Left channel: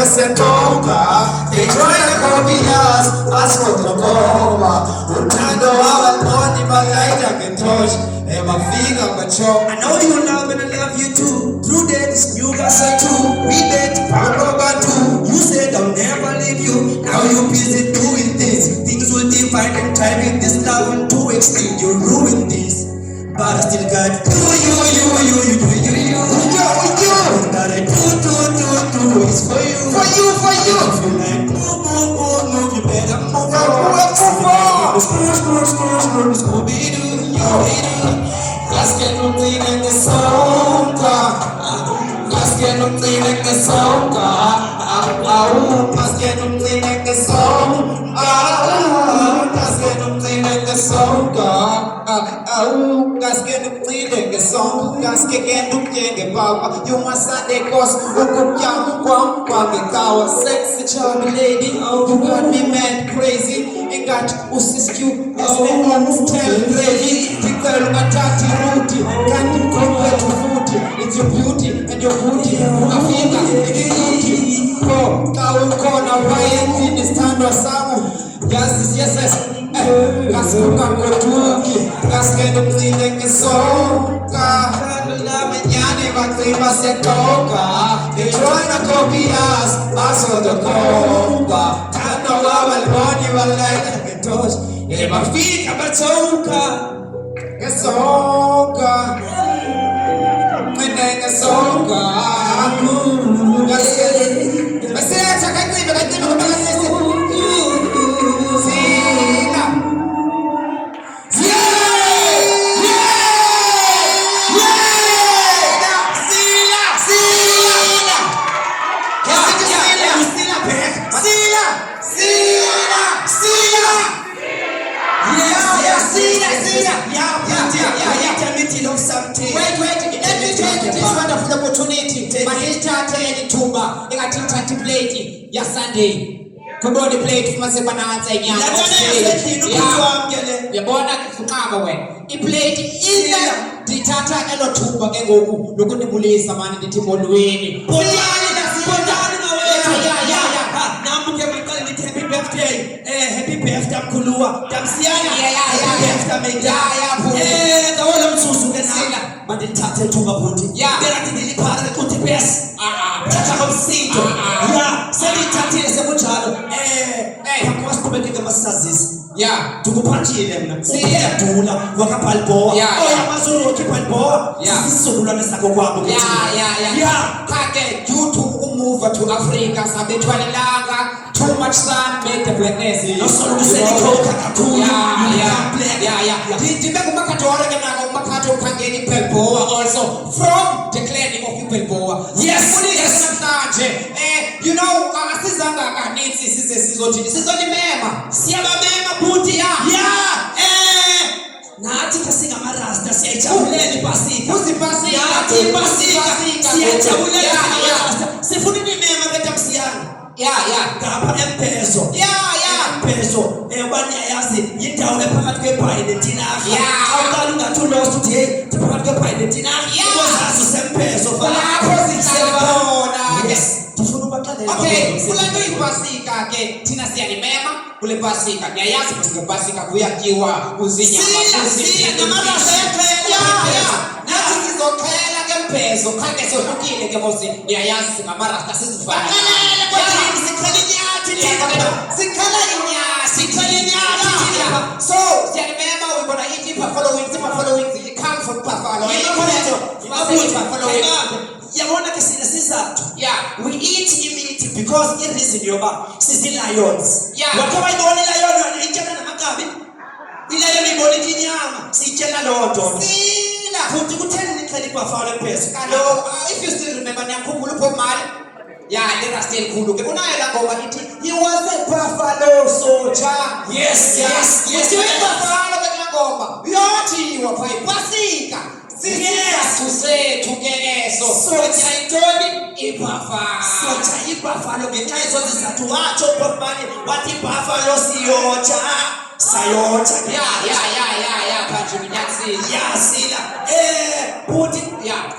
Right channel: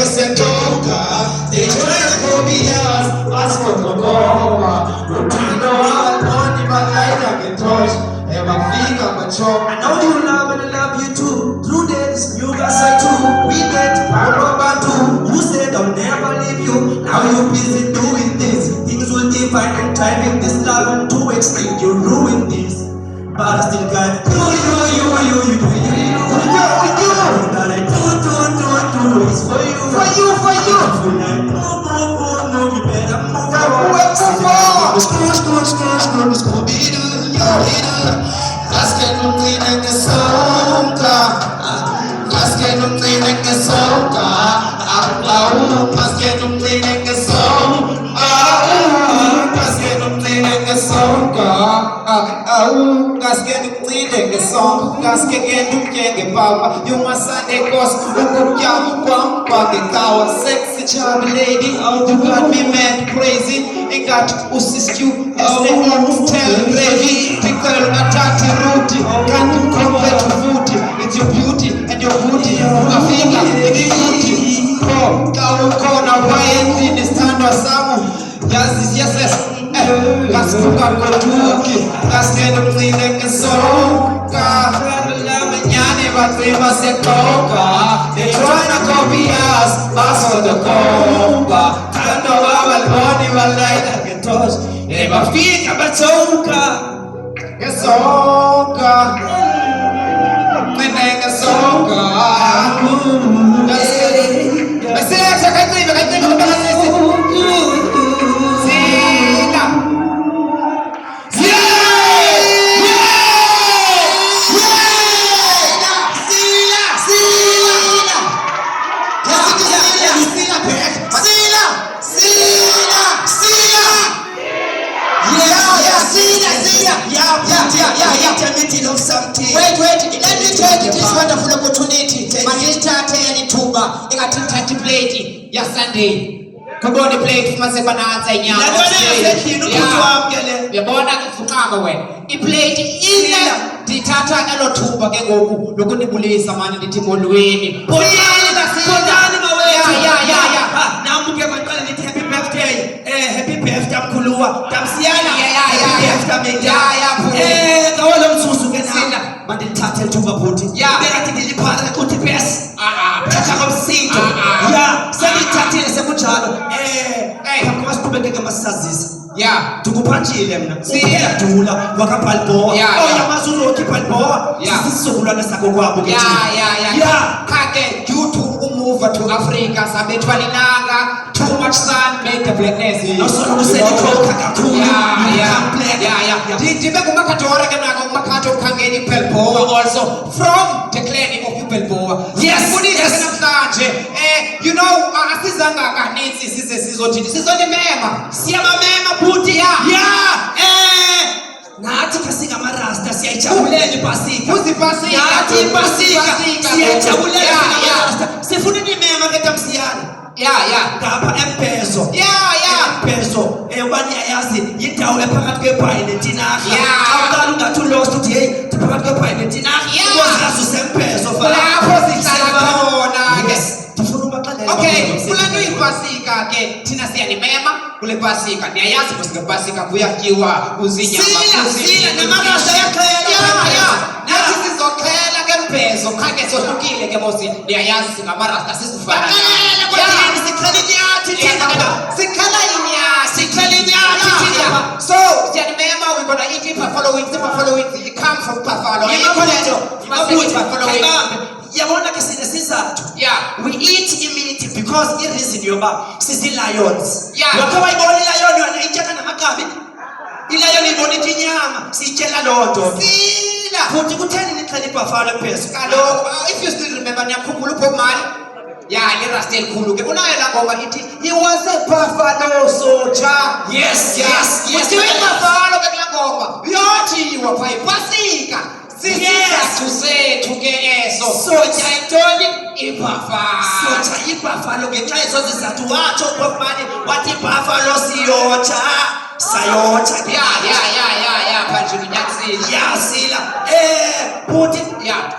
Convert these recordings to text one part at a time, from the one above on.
Se toca, they try to copy us, for the coma. I know I'm not in my life I can touch, and my finger control. I know you love and I love you too. Through this, you got say too. We met, Papa too. You said I'll never leave you. Now you're busy doing this. Things will divide and time in this love and to extinct. You ruined this. But I still got you. That I do is for you. For you. If you like move, you better move on. Scooby-Doo, las que no tienen que soca, las que no tienen que soca, las que no tienen que soca, las que no tienen que soca, las que no tienen que soca, las que no tienen que papa, you must say cause kwa kawa sexy charming lady, oh you got me mad crazy, ain't got to assist you as the one tell lady, pickle atati ruti, can't you compare to fruity, it's your beauty and your booty, a finger, the beauty, oh kawa wayenzi ni stand wa samu, yes, kaskuka kwetuki, kaskendo mzine kesoka, manyane batriba sekoka, they tryna copy us, baso the komba, tano walboni walaita ketos, mafika batoka, kesoka, mene kesoka, meseta kakriba of something. Wait, let me take this wonderful opportunity. Matitata yanituba, ingatitati plate ya Sunday. Kuboni plate fumasebananza inyama. Yabona kufukama we. I plate ina ditata elotuba kengoku lokundibulisa mani nditimolweni. Bondani mawe. Ya. Namuke makali niti happy birthday. Happy birthday mkulua. Tamsiana. Happy birthday medaya. Kawala msusu kenala. Manditata tuba puti. Ya. Berati nilipata kuti pesa. Chacha komsito. Ya. Sadi tati na semuchano. Pakuwa stubendeke masazisa. Ya. Tukupachile mna. Siya tula. Wakapalboa. Ya. Mazuro kipalboa. Ya. Sisi hula na sako kwa buki. Ya. Kake YouTube move to Africa. Sabe tualinanga. Too much sun make the blackness. No solo to say the cold kakatu. Yeah. Dijibe kumakatora kana kumakato kangeni pelboa also from the clan of pelboa. Yes. You know, asizanga kanitsi sizothi sizoni mema. Siyama mema buti ya. Nathi kasinga marasta siyajabulela ipasika. Uzipasika. Nathi ipasika. Siyajabulela marasta. Sifuna nimema ketamsiyana. Ngapha empezo. Empezo. Wani ayazi yindawo ephakathi kweBhayi neTinari. Awukala ungathi lost uthi hey, phakathi kweBhayi neTinari. Kwazazi sempezo lapho sihlala. Yes. Okay, kulani ipasika ke thina siyanimema kule pasika niyayazi ukuthi pasika kuyakiwa uzinyama sila namarasa yakhela nathi sizokhela kempezo khake sohlukile ke mosi niyayazi singamarasta sizifana sikhala inyati so siyanimema we gonna eat it following it come from buffalo yabona ke sine sizathu we eat immunity because it is in your body sisi lions wakaba ibona lion yona itshaka namakabi ilion ibona inyama sitshela lodwa sila futhi kutheni niqhela ibuffalo phezulu kaloko if you still remember niyakhumbula upho mali le rasta elikhulu ke unayo la ngoba ithi he was a buffalo soldier yes buffalo ke la ngoba yathi wapha ipasika Sisizathu sethu ke eso. Soja intoni? Ibuffalo. Soja ibuffalo ngenxa yezo zizathu watsho uBhofane wathi ibuffalo siyotsha. Sayotsha. Ya manje unyanisile. Yasila. Bhuti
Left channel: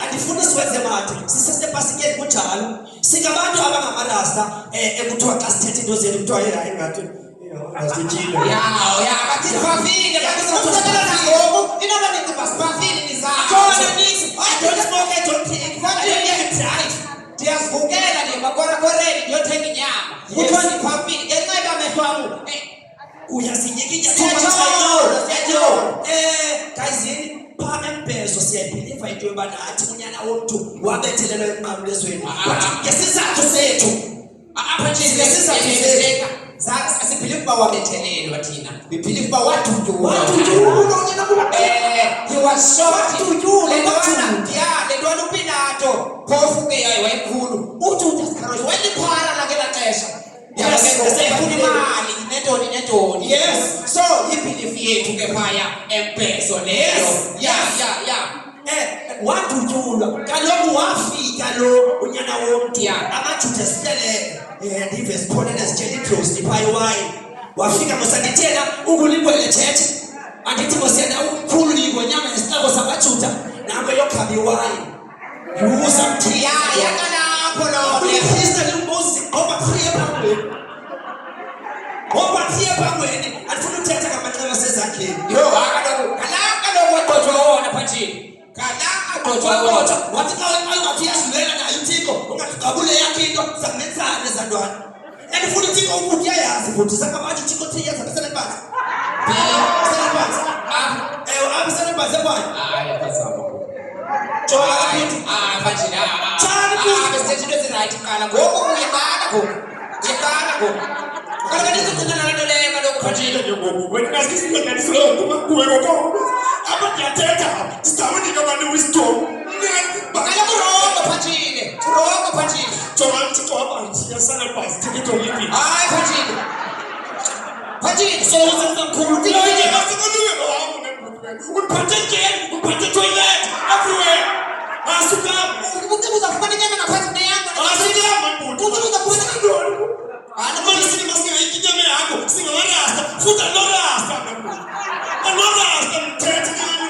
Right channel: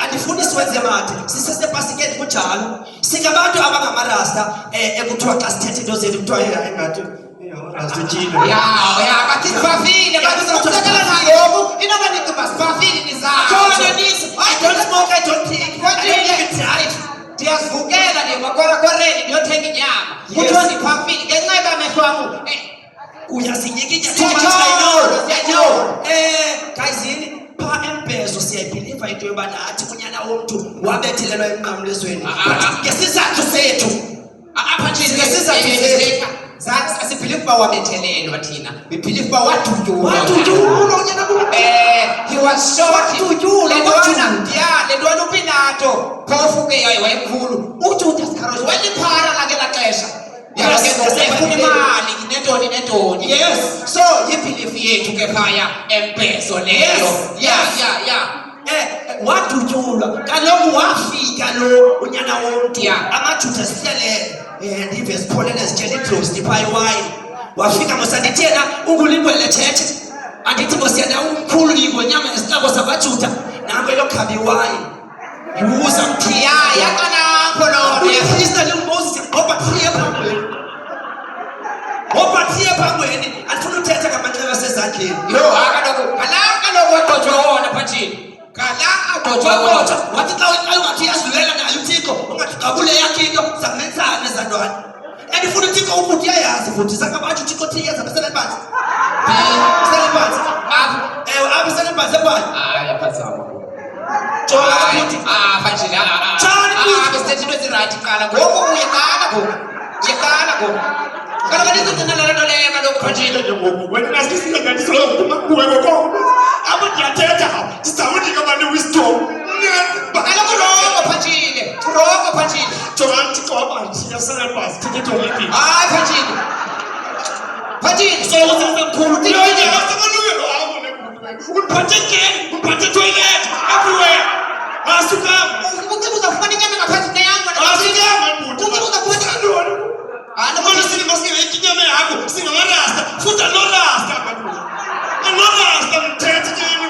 andifuni siwenze made. Sisesepasikeni kunjalo. Singabantu abangamarasta ekuthiwa xa sithethe into zethu kuthiwa hayi ngathi asitshilo. Bathi bafile bazokuthatha nangoku inabaningi basibafile nizakho. Khona nithi I don't smoke, I don't drink. I don't even drive. Ndiyazivukela nje makwarakwareni ndiyothenga inyama. Kuthiwa ndibafile ngenxa yamehlo wam. Uyasinyikinya siyajolo. Guys yini pha embezo siyayibhiliva into yoba nathi unyana womntu wabethelelwa emnqamlezweni. Ngesizathu sethu. Apha nje ngesizathu sethu. Asibhilive uba wabethelelwa thina. Bibhilive uba wadutyulwa. Unyana womntu. He was shot. Wadutyulwa. Le ntwana uPilato phofu ke wayemkhulu. uJudas Iscariot waliphara lakela xesha. Yabona imali netoni. Yes. So ibhilifi yethu ke phaya embezo leyo. Wadutyulwa kaloku wafika lo unyana womntu. Amajuda sihlele ndive sipholele sitshela idlozi pha iwayini. Wafika mosandithena ungulimbo lethethe. Andithi ngosiyana umkhulu lingo nyama nesihlabo sabajuda nango yokhaba iwayini. Yuza mthiya yakalapho lo. Uyafisa le Moses ngoba thiye phambili. Ngoba thiye phambili andifuna uthetha ngamanxeba asezandleni. Kaloku wadotshwa wona phathini. Wathi xa ungathi uyadlulela nayo uThixo ungathi qabule yakhe into zamenzana ezantwana. Andifuna uThixo ukuthi uyayazi futhi sakabathi uThixo thiyaza beselephansi. Beselephansi. Apha selephansi ebani? Phazama. Jonga futhi. Phanjini. Tshani futhi. Besithi into ezirayithi qala ngoku uyaqala ngoku. Kaloku ndizogcina le nto leyo kaloku phanjini. Wena ngasikisile nganisilo kumakuwe ngoku. Apha ndiyathetha ndizawunika abantu wisdom. Kaloku rongo phanjini. Jonga uThixo wabathi yaselephansi thiketho lipi. Hayi phanjini. So uzenza mkhulu. Uniphathe toilet everywhere. Asukam. Uzafumana inyama ngaphansi kuneyangu. Abantu sinemaske ikinyama yakho singamarasta futhi anorasta abantu. Anorasta mthethe njeni.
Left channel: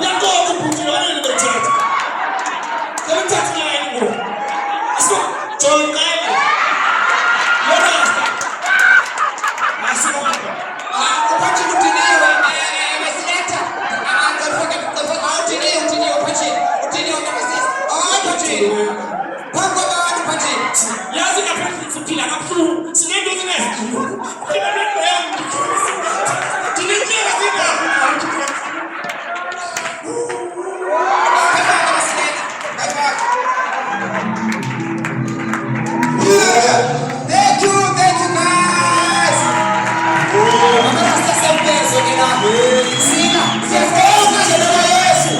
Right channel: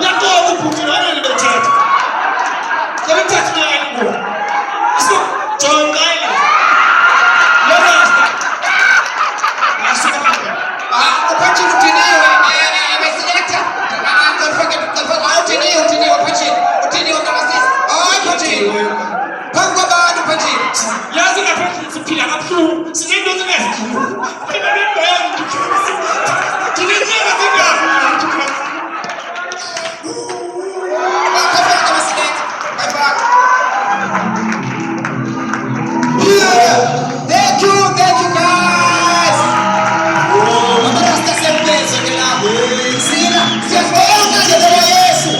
Yakho ubhuti wena lebethethe. Yabethethe njeni ngo. Asko John Lorasta. Asukam. Phanjini udiniwe. Abeselector. Udiniwe phanjini kamasisi. Phanjini. Phambi kwabantu phanjini. Yazi ngaphandle siphila kabuhlungu. Sinento ezingezikhulu. Phela lento yami. Dinizeka zindaba. Thank you guys. Amarasta sempezo ke la. Sina. Siyafika ke lo Yesu.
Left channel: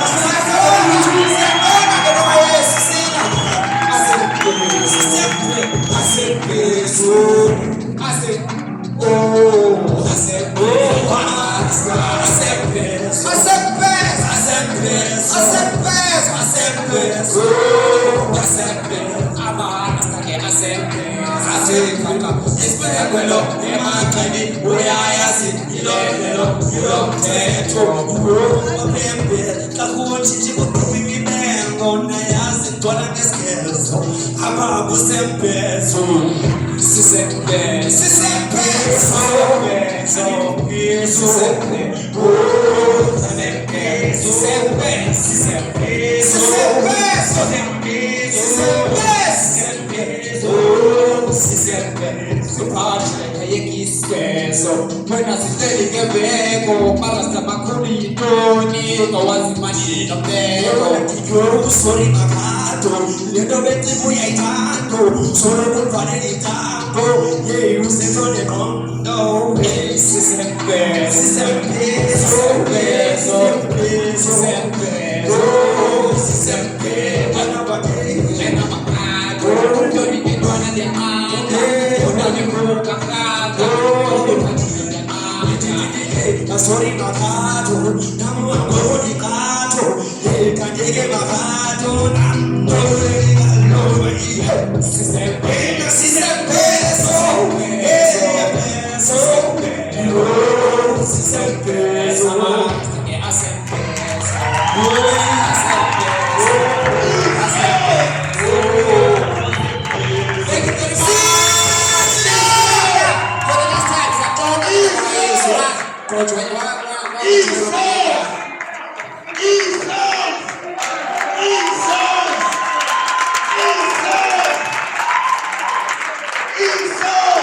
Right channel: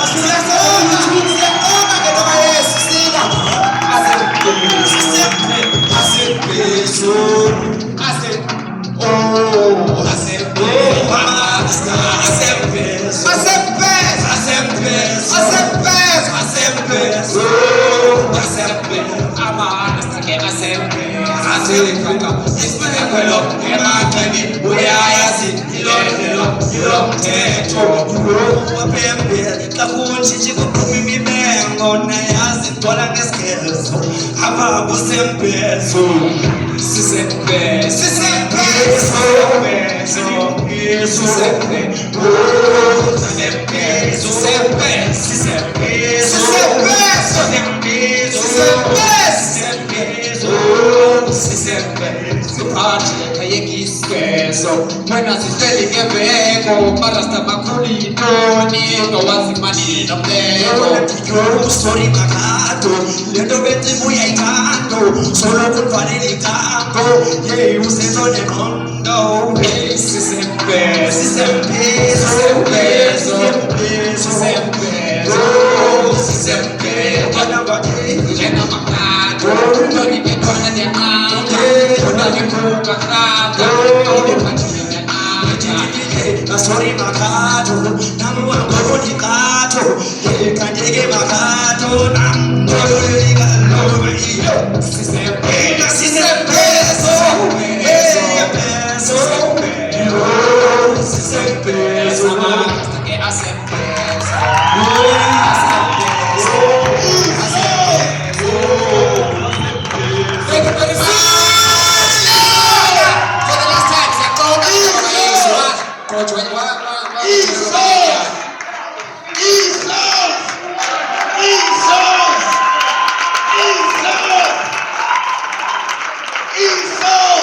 When I say Geveko, Marasta Makuli, Tony, no one's money, no there. Sorry, Makato, little bit of Muyaito, solo good vanity tango, yeah, you sit on the mondo, Sorry, Makato, Namu Kato, que barato, no lo si se pena, si se peso, si se peso, hasta que hacen peso. Thank you very much. For the last time, sẽ có các cô chú anh quá Esau!